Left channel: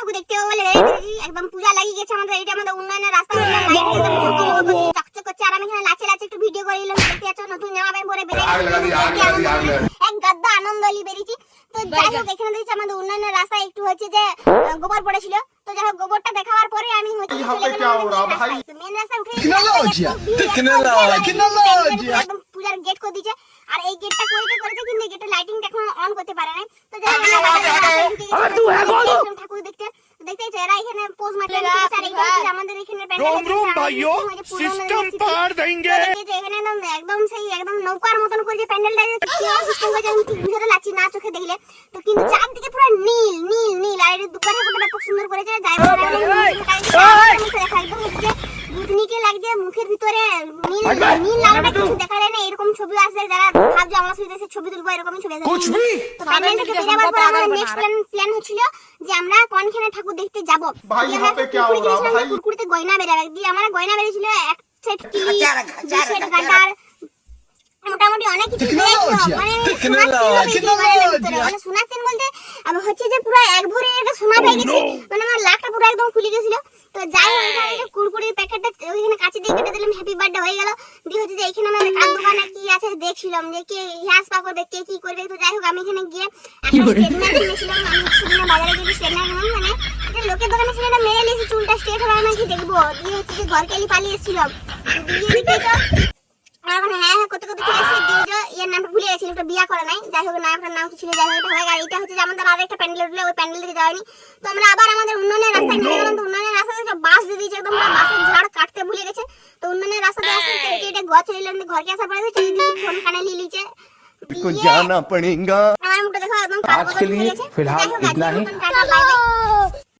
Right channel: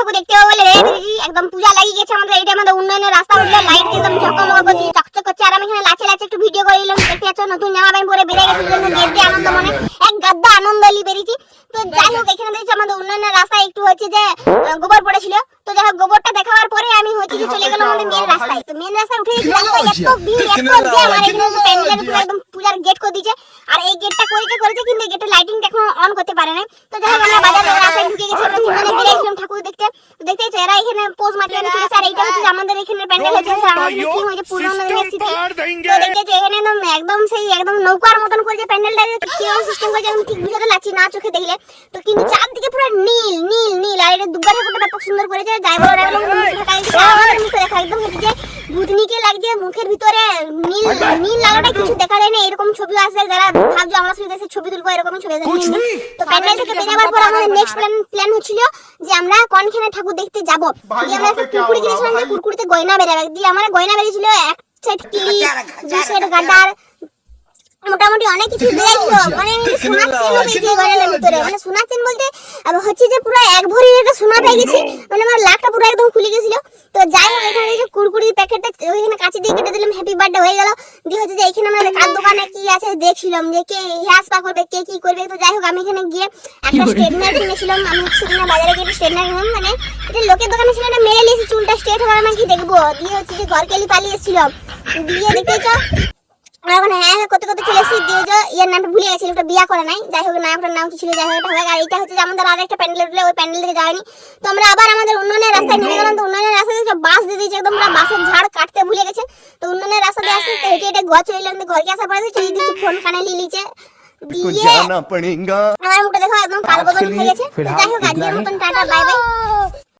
ঠাকুর দেখতে হবে বলে একদম পূজা লাগিয়ে গেছে আমাদের। এটা আমাদের উন্নয়নের রাস্তা হচ্ছে, লাইট একদম ঝকমক করছে, চকচক করছে। আর আমি এখানে লাচে লাচে একটু ভিডিও করে নিলাম, দেখতে পাচ্ছ নতুন জামা প্যান্ট পরে বেরিয়ে গেছি, দেখতে আনন্দ মনে এক গাদ্দা আনন্দ লি বেরিয়েছি। তো যাই হোক এখানে দেখছি আমাদের উন্নয়নের রাস্তায় একটু হচ্ছে যে গোবর পড়েছিল। তো যাই হোক গোবরটা দেখাবার পরে আমি হচ্ছে চলে গেলাম আমাদের মেন রাস্তায়। তো মেন রাস্তায় উঠে একদম পূজার গেট করে দিয়েছে। আর এই গেটটা করেছে কিন্তু এই গেটের লাইটিংটা এখন অন করতে পারে না। তো যাই হোক আমরা বাজারের রাস্তায় ঢুকে গেছি ঠাকুর দেখতে। দেখতেই তো এরা এখানে পোজ মারতে গেছে। আর এইটা হচ্ছে আমাদের এখানে প্যান্ডেল হচ্ছে, একদম সেই একদম নৌকার মতন করে যে প্যান্ডেলটা সিস্টেম করে ঠিক বুঝাতে লাগছি না চোখে দেখলে। তো কিন্তু চারদিকে পুরো নীল নীল নীল। আর এটা দুর্গা ঠাকুরটা ব্যাপক সুন্দর করেছে। যাই একদম ভূতনিকে লাগছে মুখের ভিতরে নীল নীল লাগাটা কিছু দেখা যায় না। এরকম ছবি আসে যারা ভাবছো আমরা দেশে ছবি তুলবো, এরকম ছবি আসে। তো প্যান্ডেল থেকে বেরোবার পর আমাদের নেক্সট প্ল্যান হচ্ছিল যে আমরা কোনখানে ঠাকুর দেখতে যাব। কুকুরতে গয়না বেরাবে দিয়ে আমার গয়না বেরিয়েছিল এক সেট কিলি, দুই সেট গাটার, মোটামুটি অনেক কিছু বেরিয়েছিল। মানে শোনাচ্ছেন বলতে হচ্ছে যে পুরো এক ভরি একটা সোনা পেয়ে গেছি, মানে আমার লাখটা পুরো একদম খুলে গেছিল। তো যাই হোক এখানে কুরকুরির প্যাকেটটা ওইখানে কাছে দিয়ে কেটে দিলাম, হ্যাপি বার্থডে হয়ে গেল। দিয়ে হচ্ছে যে এখানে আমাদের কার দোকানে কি আছে দেখছিলাম যে কে হেয়ার স্পা করবে, কে কি করবে। তো যাই হোক আমি এখানে গিয়ে একটা স্ট্রেটনার কিনেছিলাম। আমি হচ্ছে বাজারে গিয়ে স্ট্রেটনার কিনলাম, মানে এটা লোকের দোকানে ছিল, এটা মেরে নিয়েছি চুলটা স্ট্রেট হবে আমি কি দেখবো। দিয়ে হচ্ছে যে ঘর কেলি পালিয়ে এসেছিলাম। দিয়ে দেখেছো এখন হ্যাঁ করতে করতে চলে এসেছি। দিয়ে ইয়ার নামটা ভুলে গেছি, একটা বিয়া করা নাই। যাই হোক নায়কটার নাম কি ছিল, যাই হোক। আর এটা হচ্ছে যে আমাদের আর একটা প্যান্ডেল উঠলে ওই প্যান্ডেল থেকে যায়নি। তো আমরা আবার আমাদের উন্নয়নের রাস্তায় নেমে গেলাম। তো উন্নয়নের রাস্তাতে বাস দিয়ে দিয়েছে, একদম বাসের ঝাড় কাটতে ভুলে গেছে। তো উন্নয়নের রাস্তাতে আসতে হেঁটে হেঁটে ঘর চলে এলাম। ঘরকে আসার পরে ফোন কানে লিলিছে আমার মুখটা দেখো একদম কালো বদল হয়ে গেছে। যাই হোক আজকের মতন টাটা, বাই বাই।